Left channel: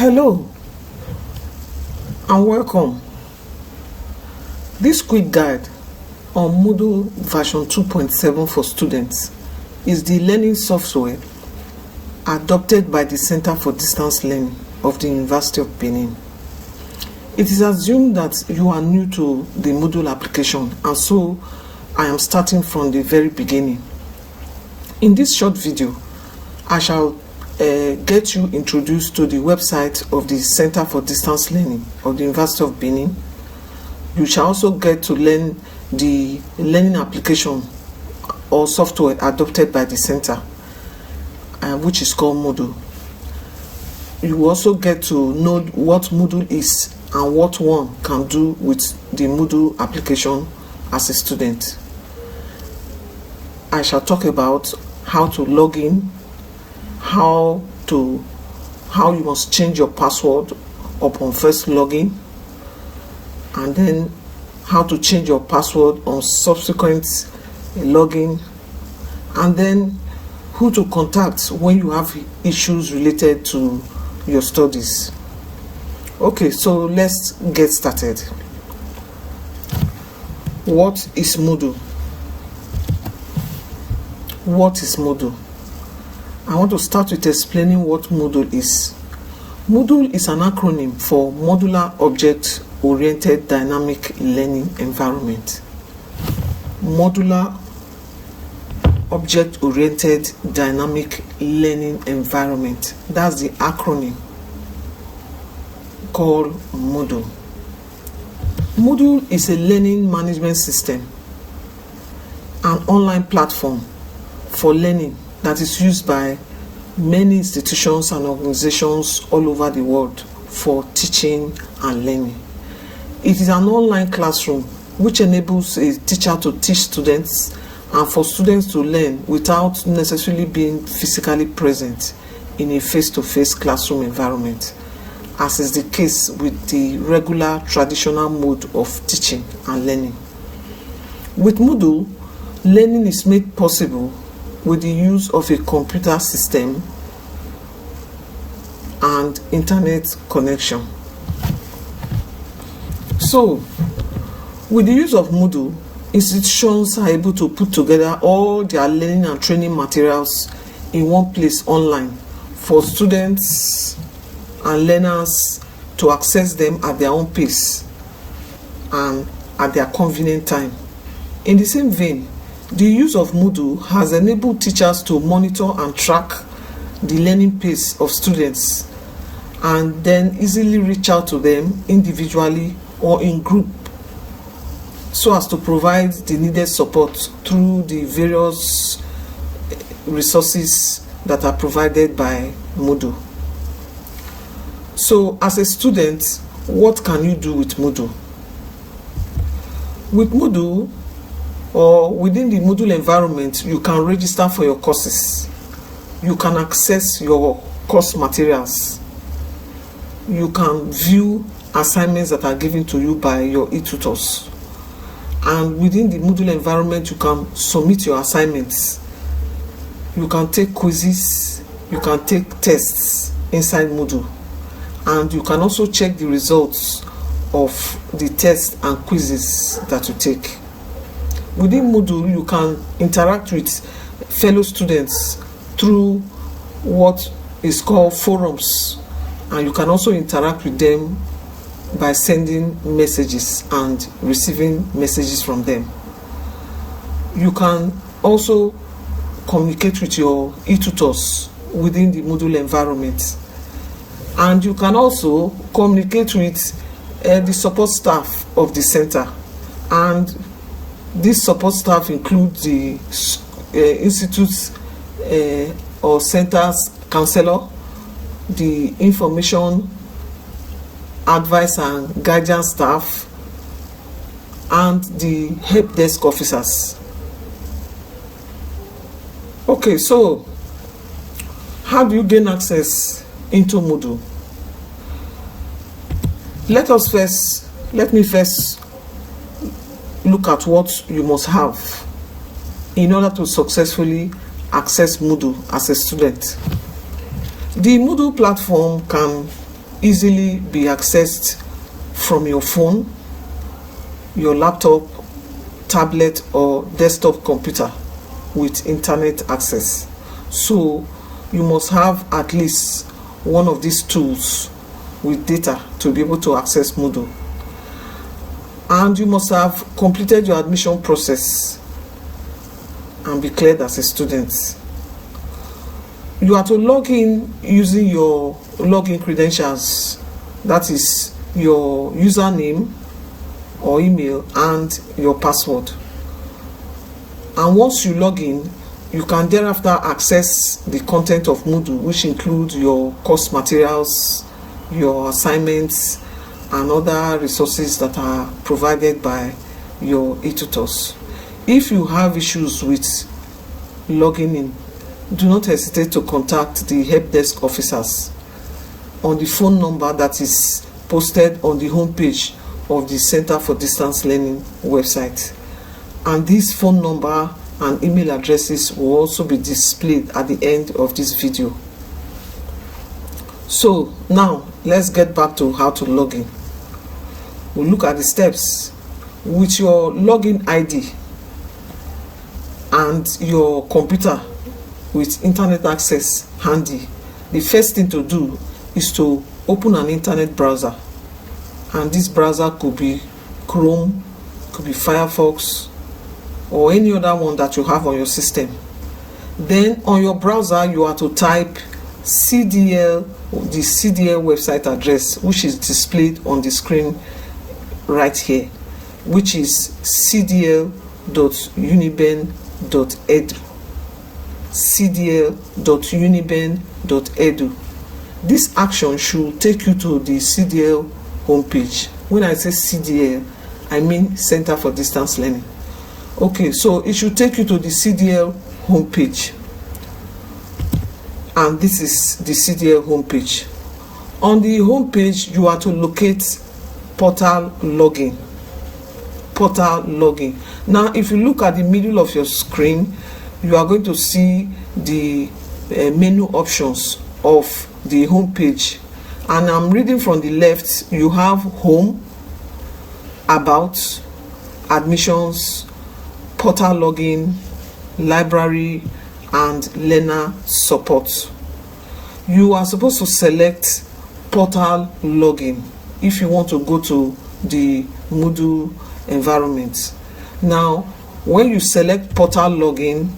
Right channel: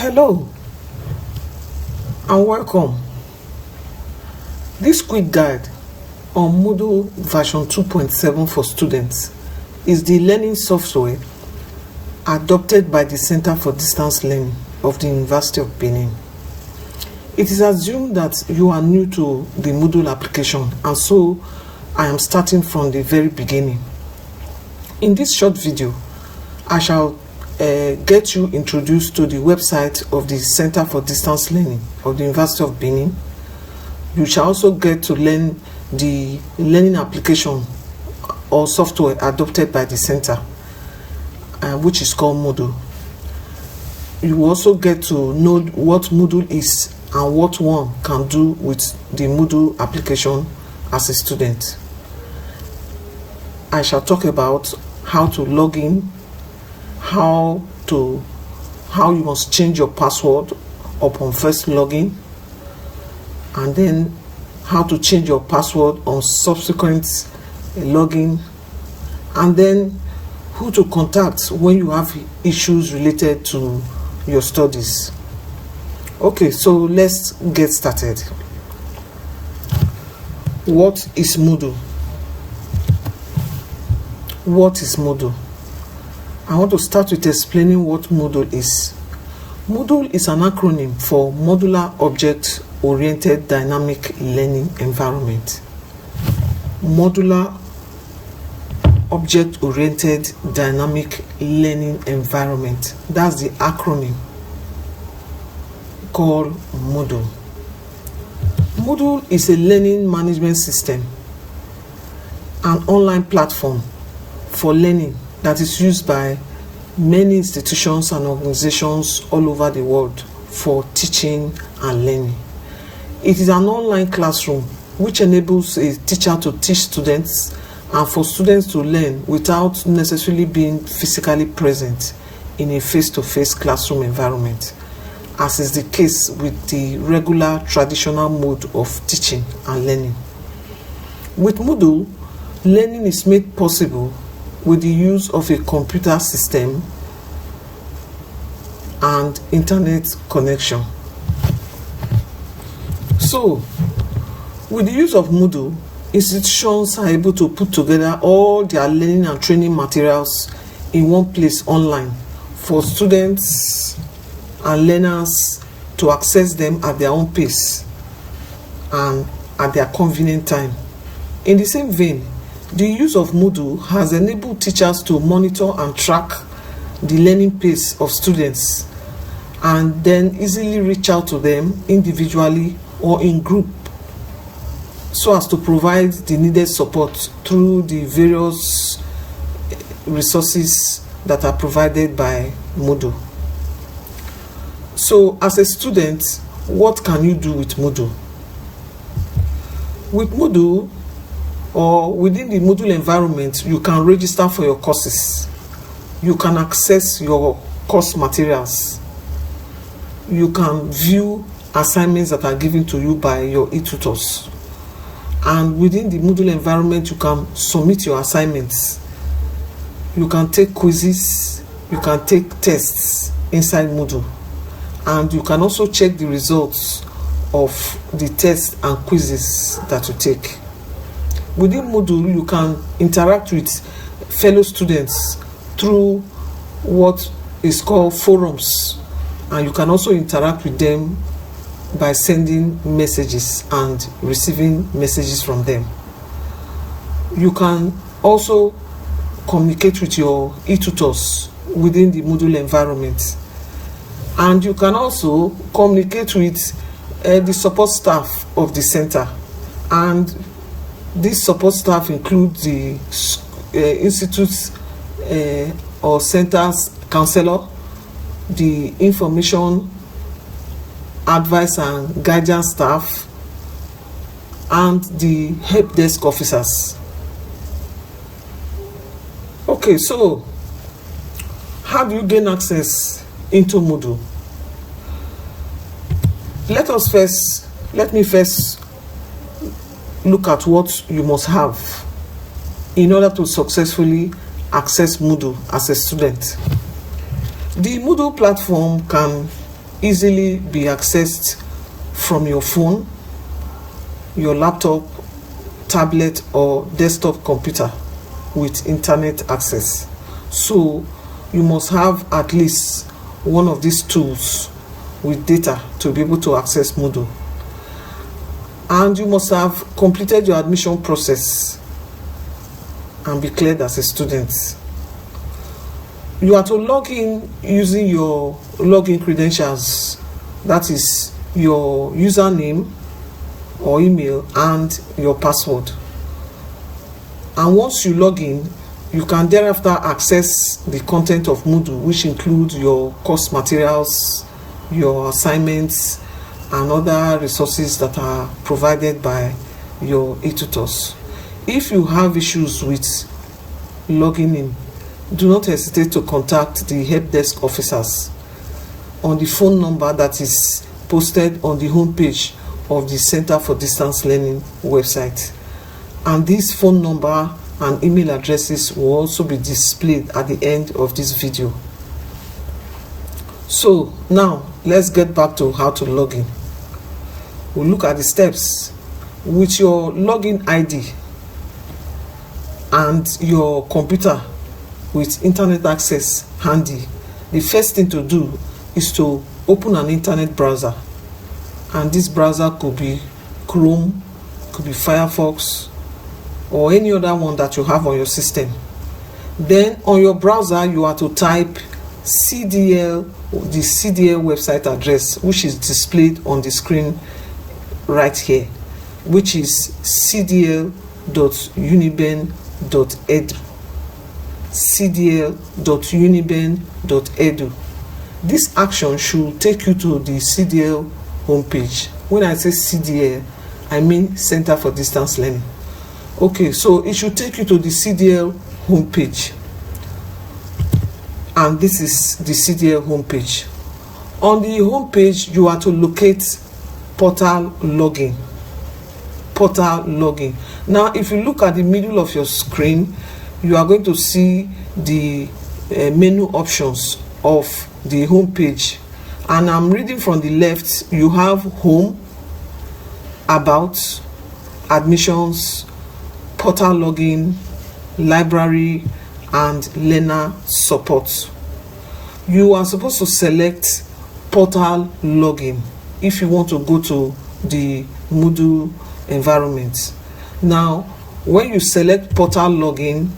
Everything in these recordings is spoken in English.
Hello and welcome. This quick guide on Moodle version 2.7 for students is the learning software adopted by the Center for Distance Learning of the University of Benin. It is assumed that you are new to the Moodle application, and so I am starting from the very beginning. In this short video, I shall get you introduced to the website of the Center for Distance Learning of the University of Benin. You shall also get to learn the learning application or software adopted by the center, which is called Moodle. You will also get to know what Moodle is and what one can do with the Moodle application as a student. I shall talk about how to log in, how you must change your password upon first login, and then how to change your password on subsequent login, and then who to contact when you have issues related to your studies. Okay, so let's get started. What is Moodle? What is Moodle? I want to start with explaining what Moodle is. Moodle is an acronym for Modular Object Oriented Dynamic Learning Environment. Modular Object Oriented Dynamic Learning Environment. That's the acronym called Moodle. Moodle is a learning management system, an online platform for learning that is used by many institutions and organizations all over the world for teaching and learning. It is an online classroom which enables a teacher to teach students and for students to learn without necessarily being physically present in a face-to-face classroom environment, as is the case with the regular traditional mode of teaching and learning. With Moodle, learning is made possible with the use of a computer system and internet connection. So, with the use of Moodle, institutions are able to put together all their learning and training materials in one place online for students and learners to access them at their own pace and at their convenient time. In the same vein, the use of Moodle has enabled teachers to monitor and track the learning pace of students and then easily reach out to them individually or in group so as to provide the needed support through the various resources that are provided by Moodle. So, as a student, what can you do with Moodle? With Moodle, or within the Moodle environment, you can register for your courses. You can access your course materials. You can view assignments that are given to you by your e-tutors. And within the Moodle environment, you can submit your assignments. You can take quizzes. You can take tests inside Moodle. And you can also check the results of the tests and quizzes that you take. Within Moodle, you can interact with fellow students through what is called forums, and you can also interact with them by sending messages and receiving messages from them. You can also communicate with your e-tutors within the Moodle environment, and you can also communicate with the support staff of the center, and this support staff includes the institute's or center's counselor, the information advice and guidance staff, and the help desk officers. Okay, so how do you gain access into Moodle? Let me first look at what you must have in order to successfully access Moodle as a student. The Moodle platform can easily be accessed from your phone, your laptop, tablet, or desktop computer with internet access. So you must have at least one of these tools with data to be able to access Moodle. And you must have completed your admission process and be cleared as a student. You are to log in using your login credentials, that is your username or email and your password. And once you log in, you can thereafter access the content of Moodle, which includes your course materials, your assignments, and other resources that are provided by your e-tutors. If you have issues with logging in, do not hesitate to contact the help desk officers on the phone number that is posted on the homepage of the Center for Distance Learning website. And this phone number and email addresses will also be displayed at the end of this video. So now let's get back to how to log in. We'll look at the steps. With your login ID and your computer with internet access handy, the first thing to do is to open an internet browser. And this browser could be Chrome, could be Firefox, or any other one that you have on your system. Then on your browser, you are to type CDL, the CDL website address, which is displayed on the screen right here, which is cdl.uniben.edu. cdl.uniben.edu. This action should take you to the CDL homepage. When I say CDL, I mean Center for Distance Learning. Okay, so it should take you to the CDL homepage. And this is the CDL homepage. On the homepage, you are to locate portal login. Portal login. Now, if you look at the middle of your screen, you are going to see the menu options of the homepage. And I'm reading from the left. You have home, about, admissions, portal login, library, and learner support. You are supposed to select portal login if you want to go to the Moodle environment. Now, when you select portal login,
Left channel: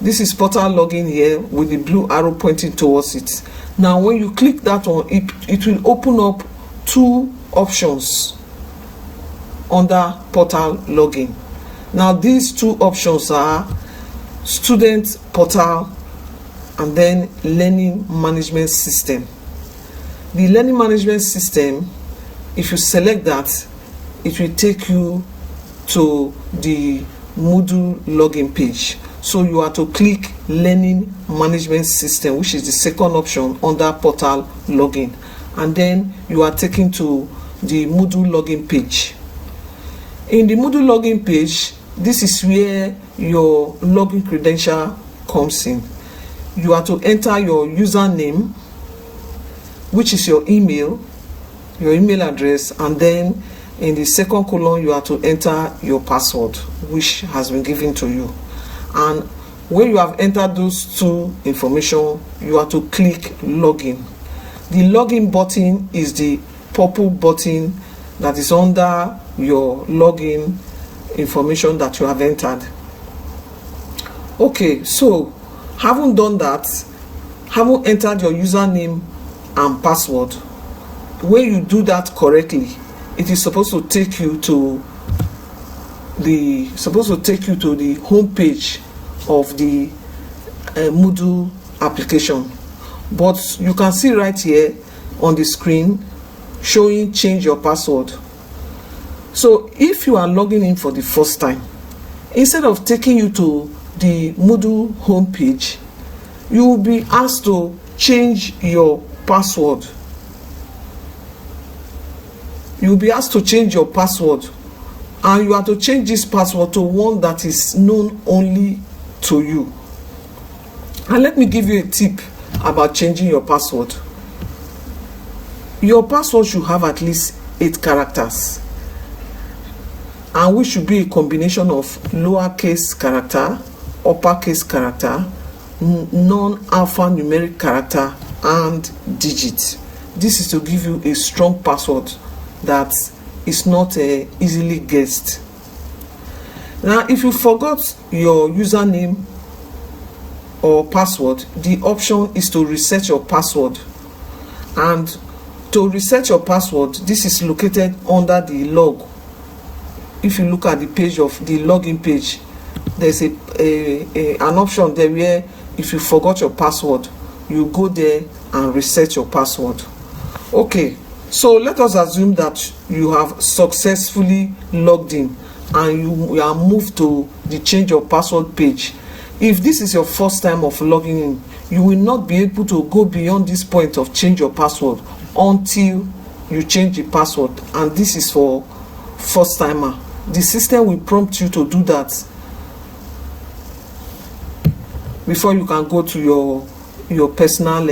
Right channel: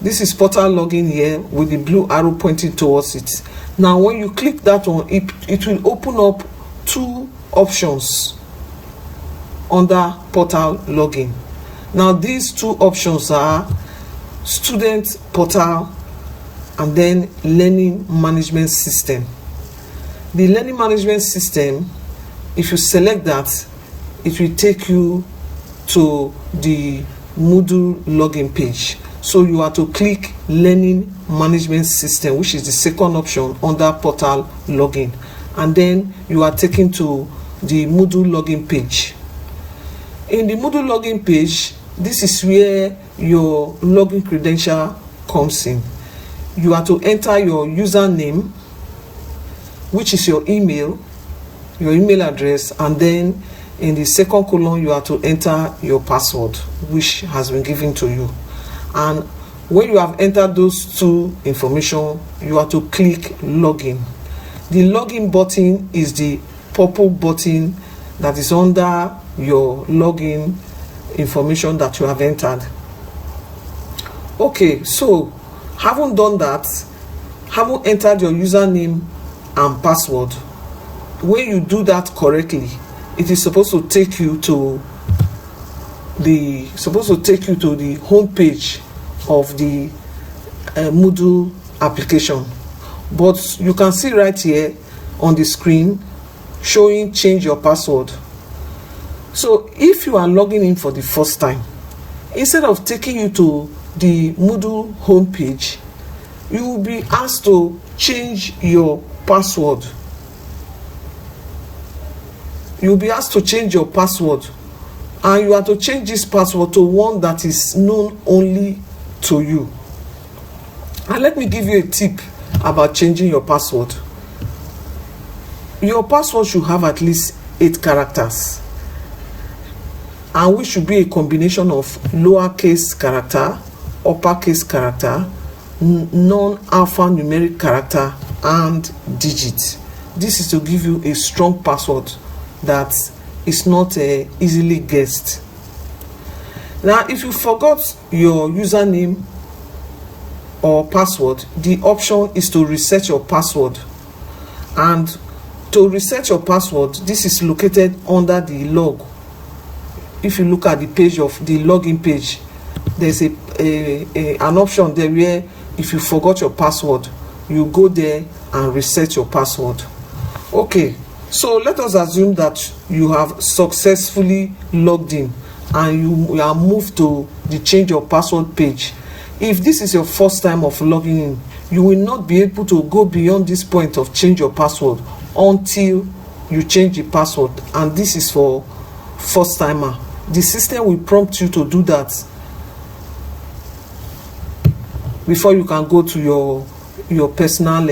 this is portal login here with the blue arrow pointing towards it. Now, when you click that one, it will open up two options under portal login. Now, these two options are student portal and then learning management system. The learning management system, if you select that, it will take you to the Moodle login page. So you are to click learning management system, which is the second option under portal login, and then you are taken to the Moodle login page. In the Moodle login page, this is where your login credential comes in. You are to enter your username, which is your email address, and then in the second column you are to enter your password, which has been given to you. And when you have entered those two information, you are to click login. The login button is the purple button that is under your login information that you have entered. Okay, so having done that, having entered your username and password, when you do that correctly, it is supposed to take you to the home page of the Moodle application. But you can see right here on the screen showing change your password. So if you are logging in for the first time, instead of taking you to the Moodle homepage, you will be asked to change your password. You'll be asked to change your password, and you have to change this password to one that is known only to you. And let me give you a tip about changing your password. Your password should have at least 8 characters, and which should be a combination of lowercase character, uppercase character, non-alphanumeric character, and digit. This is to give you a strong password that is not easily guessed. Now, if you forgot your username or password, the option is to reset your password. And to reset your password, this is located under the log. If you look at the page of the login page, there's an option there where if you forgot your password, you go there and reset your password. Okay, so let us assume that you have successfully logged in and you are moved to the change your password page. If this is your first time of logging in, you will not be able to go beyond this point of change your password until you change the password, and this is for first timer. The system will prompt you to do that before you can go to your personal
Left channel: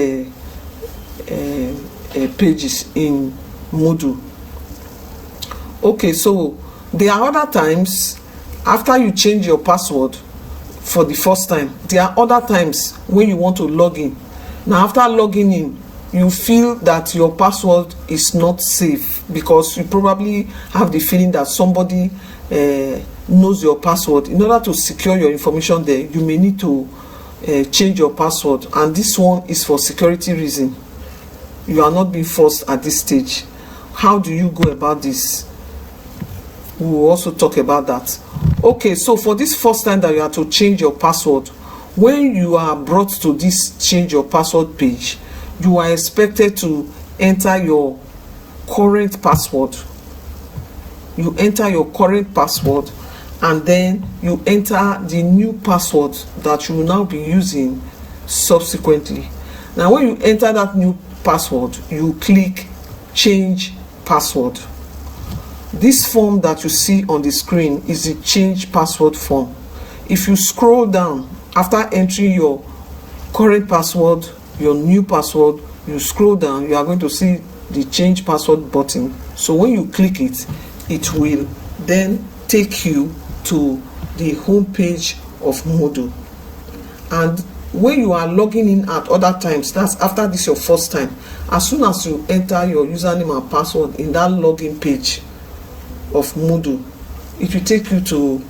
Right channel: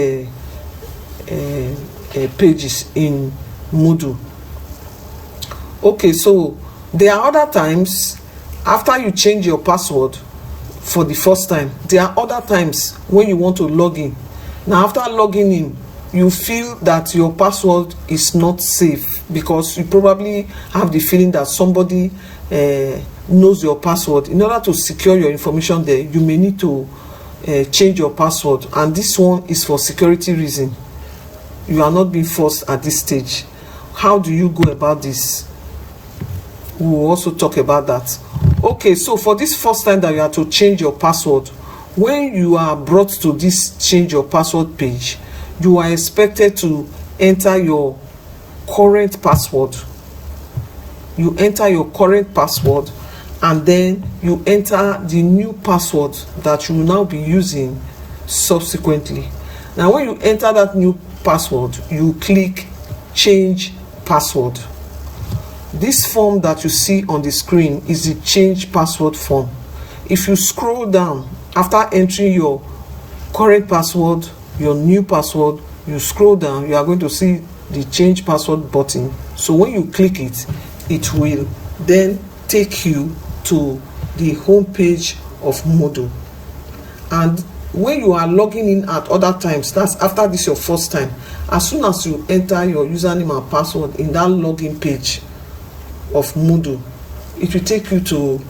pages in Moodle. Okay, so there are other times after you change your password for the first time, there are other times when you want to log in. Now, after logging in, you feel that your password is not safe because you probably have the feeling that somebody knows your password. In order to secure your information there, you may need to change your password, and this one is for security reason. You are not being forced at this stage. How do you go about this? We will also talk about that. Okay, so for this first time that you have to change your password, when you are brought to this change your password page, you are expected to enter your current password. You enter your current password, and then you enter the new password that you will now be using subsequently. Now, when you enter that new password, you click change password. This form that you see on the screen is the change password form. If you scroll down after entering your current password, your new password, you scroll down, you are going to see the change password button. So when you click it, it will then take you to the home page of Moodle. And when you are logging in at other times, that's after this your first time, as soon as you enter your username and password in that login page of Moodle, it will take you to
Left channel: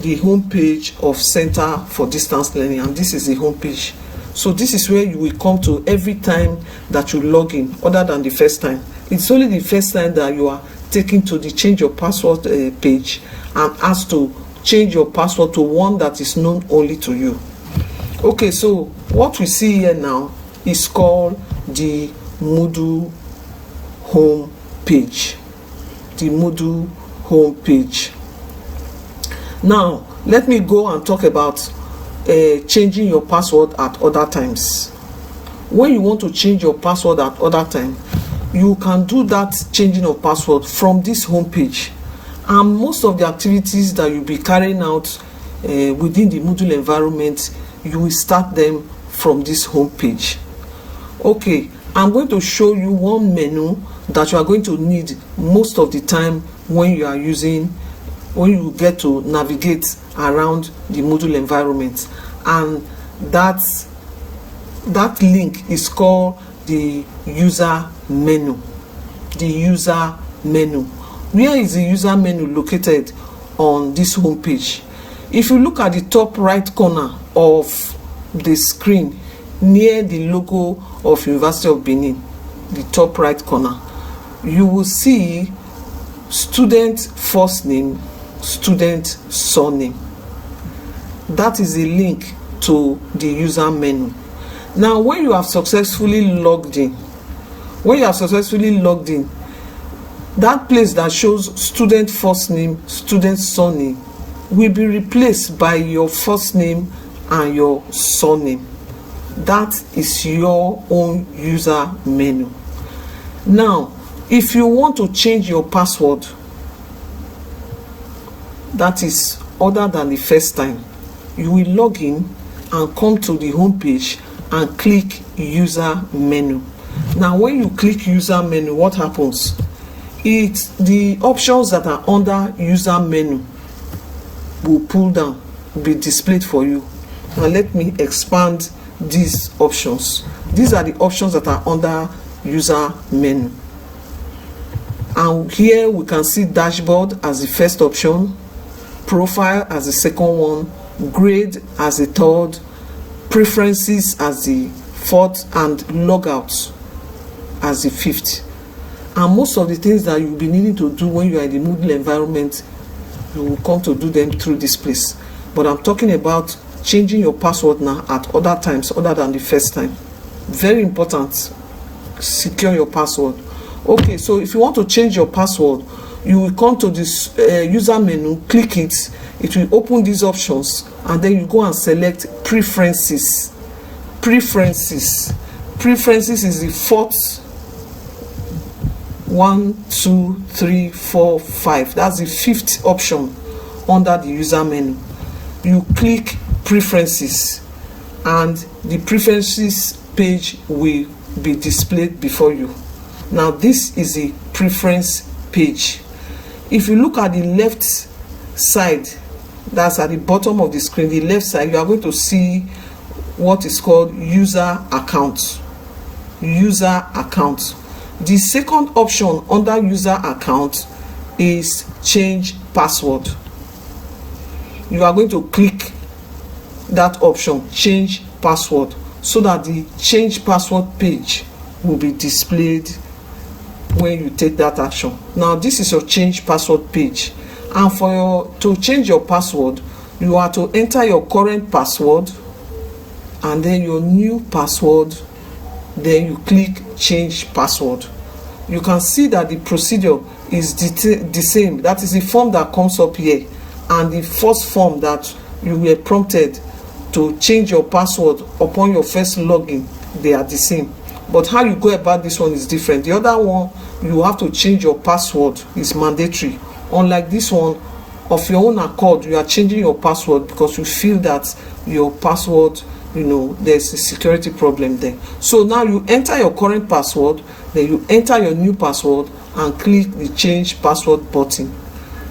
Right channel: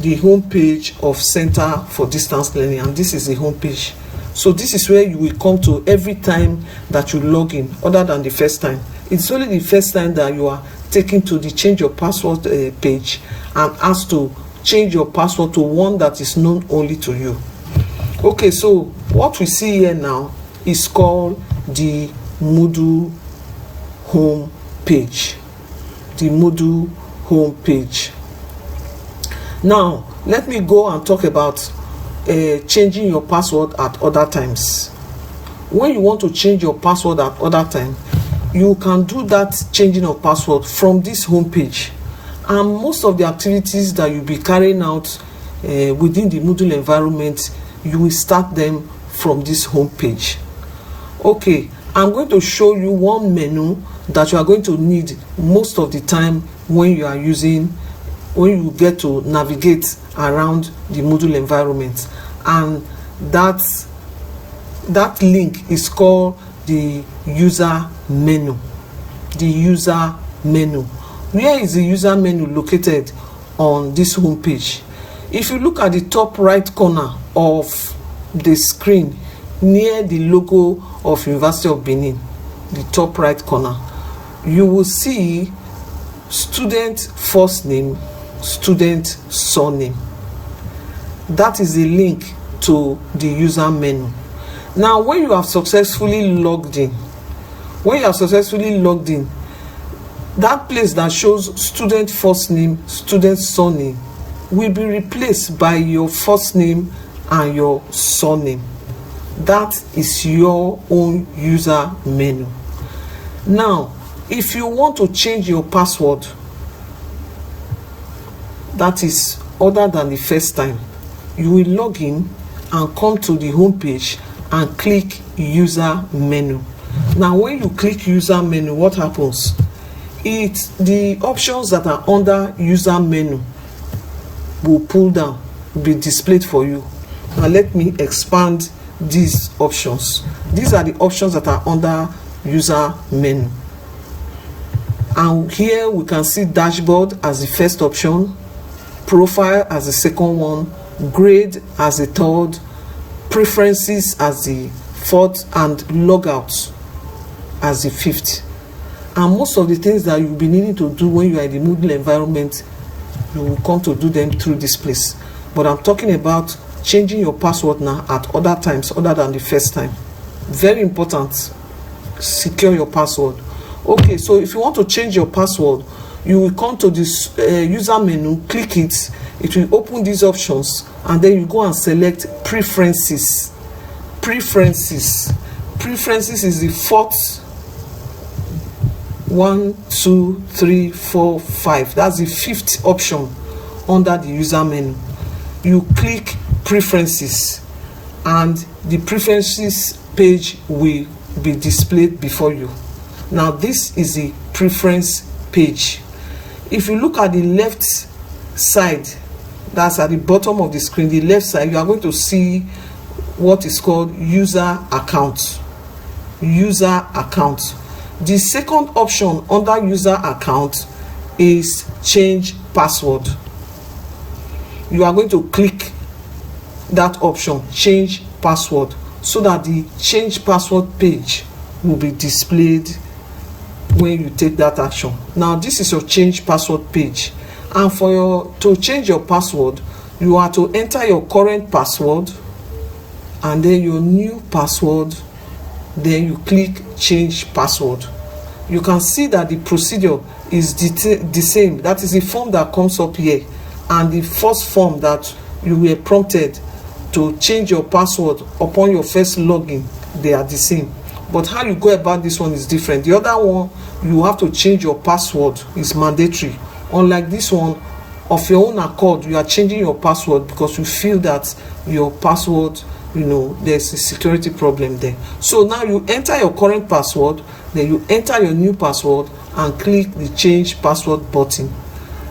the home page of Center for Distance Learning, and this is the home page. So this is where you will come to every time that you log in, other than the first time. It's only the first time that you are taken to the change your password page and asked to change your password to one that is known only to you. Okay, so what we see here now is called the Moodle home page. The Moodle home page. Now, let me go and talk about changing your password at other times. When you want to change your password at other time, you can do that changing of password from this home page. And most of the activities that you'll be carrying out within the Moodle environment, you will start them from this home page. Okay, I'm going to show you one menu that you are going to need most of the time when you get to navigate around the Moodle environment, and that link is called the user menu. The user menu. Where is the user menu located on this home page? If you look at the top right corner of the screen near the logo of University of Benin, the top right corner, you will see student first name, student surname. That is a link to the user menu. Now, when you have successfully logged in, that place that shows student first name, student surname will be replaced by your first name and your surname. That is your own user menu. Now, if you want to change your password, that is other than the first time, you will log in and come to the home page and click user menu. Now when you click user menu, what happens? The options that are under user menu will pull down, be displayed for you. Now let me expand these options. These are the options that are under user menu, and here we can see dashboard as the first option, profile as the second one, grade as the third, preferences as the fourth, and logout as the fifth. And most of the things that you'll be needing to do when you are in the Moodle environment, you will come to do them through this place. But I'm talking about changing your password now at other times other than the first time. Very important. Secure your password. Okay, so if you want to change your password, you will come to this user menu, click it, it will open these options, and then you go and select preferences. Preferences is the fourth 1, 2, 3, 4, 5. That's the fifth option under the user menu. You click preferences, and the preferences page will be displayed before you. Now this is the preference page. If you look at the left side, that's at the bottom of the screen, the left side, you are going to see what is called user account. User account. The second option under user account is change password. You are going to click that option, change password, so that the change password page will be displayed when you take that action. Now this is your change password page, and to change your password, you are to enter your current password and then your new password, then you click change password. You can see that the procedure is the same. That is the form that comes up here, and the first form that you were prompted to change your password upon your first login, they are the same. But how you go about this one is different. The other one, you have to change your password, is mandatory. Unlike this one, of your own accord, you are changing your password because you feel that your password, there's a security problem there. So now you enter your current password, then you enter your new password and click the change password button.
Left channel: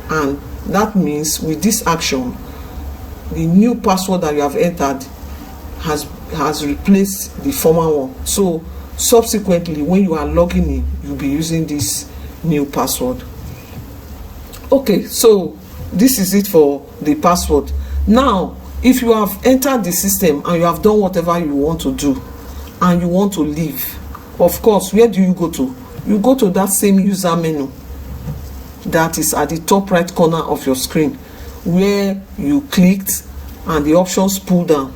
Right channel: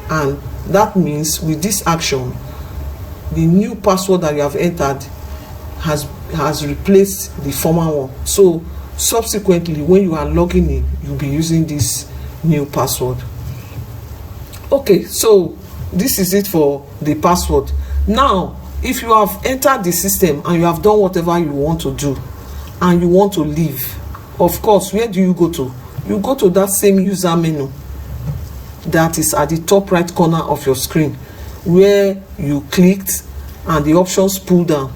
And that means with this action, the new password that you have entered has replaced the former one. So subsequently, when you are logging in, you'll be using this new password. Okay, so this is it for the password. Now, if you have entered the system and you have done whatever you want to do and you want to leave, of course, where do you go to? You go to that same user menu that is at the top right corner of your screen, where you clicked and the options pull down.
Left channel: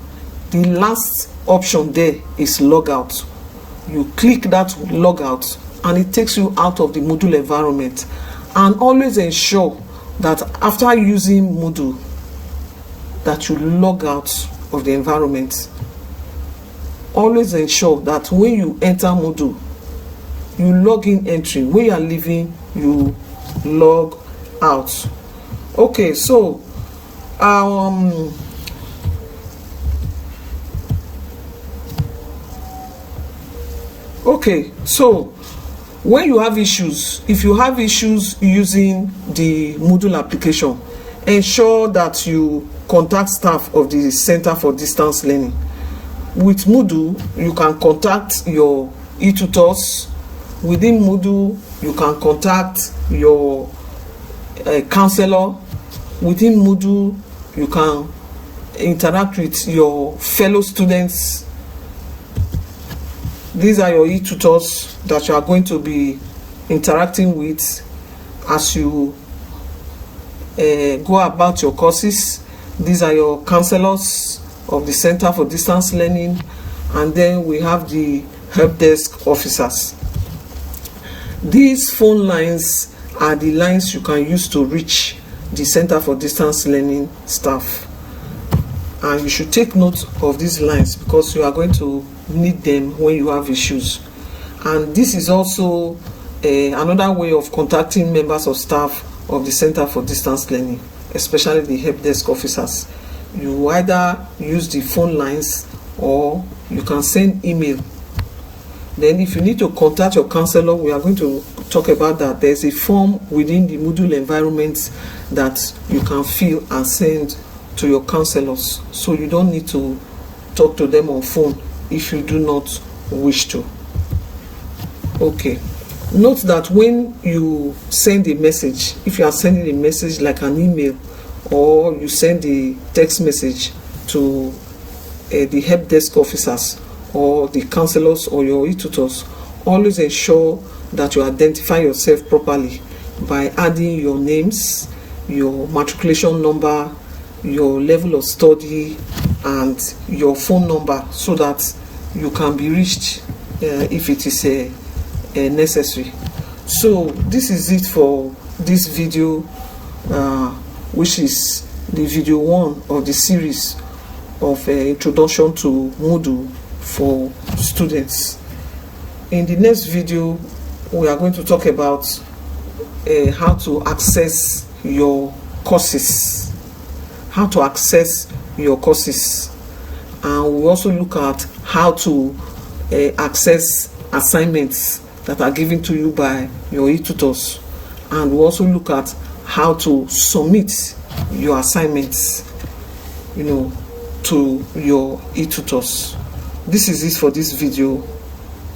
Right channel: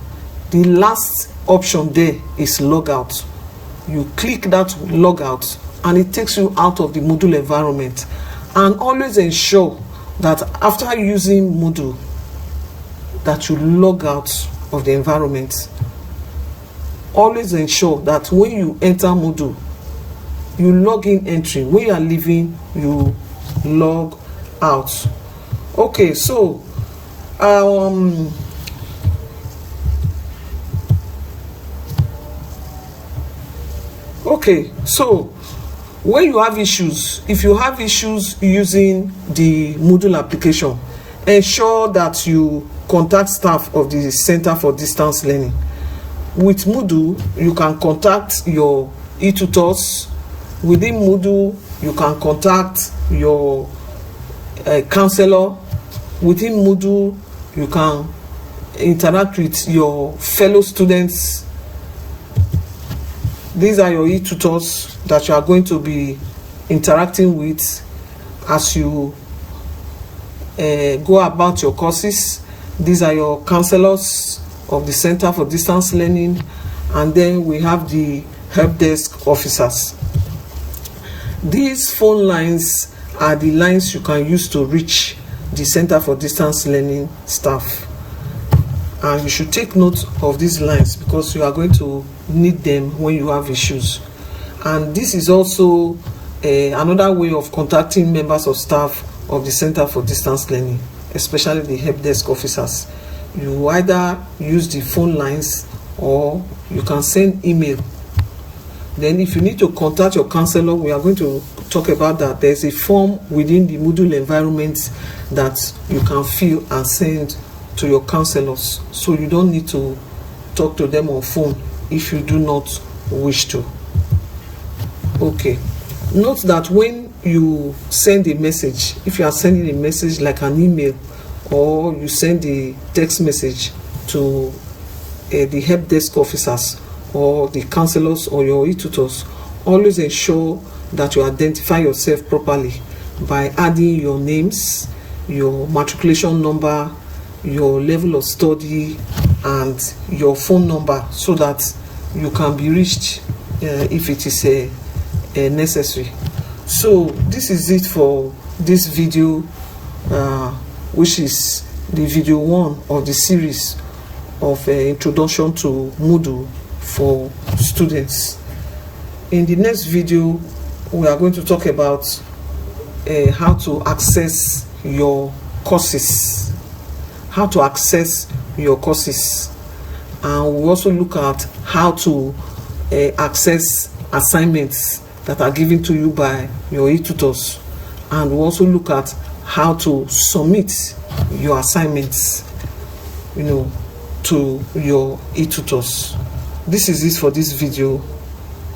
The last option there is logout. You click that logout and it takes you out of the Moodle environment. And always ensure that after using Moodle, that you log out of the environment. Always ensure that when you enter Moodle, you log in entry. When you are leaving, you log out. Okay, so when you have issues, if you have issues using the Moodle application, ensure that you contact staff of the Center for Distance Learning. With Moodle, you can contact your e-tutors. Within Moodle, you can contact your counselor. Within Moodle, you can interact with your fellow students. These are your e-tutors that you are going to be interacting with as you go about your courses. These are your counselors of the Center for Distance Learning, and then we have the help desk officers. These phone lines are the lines you can use to reach the Center for Distance Learning staff, and you should take note of these lines because you are going to need them when you have issues. And this is also another way of contacting members of staff of the Center for Distance Learning, especially the help desk officers. You either use the phone lines or you can send email Then if you need to contact your counselor, we are going to talk about that. There's a form within the Moodle environment that you can fill and send to your counselors. So you don't need to talk to them on phone if you do not wish to. Okay. Note that when you send a message, if you are sending a message like an email, or you send a text message to the help desk officers or the counselors or your e-tutors, always ensure that you identify yourself properly by adding your names, your matriculation number, your level of study, and your phone number, so that you can be reached if it is necessary. So this is it for this video, which is the video 1 of the series of introduction to Moodle for students. In the next video, we are going to talk about how to access your courses, and we'll also look at how to access assignments that are given to you by your e-tutors, and we'll also look at how to submit your assignments, to your e-tutors. This is it for this video.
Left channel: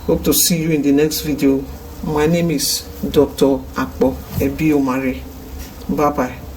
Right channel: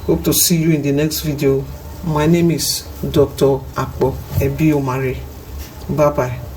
Hope to see you in the next video. My name is Dr. Akpo Ebiomare. Bye bye.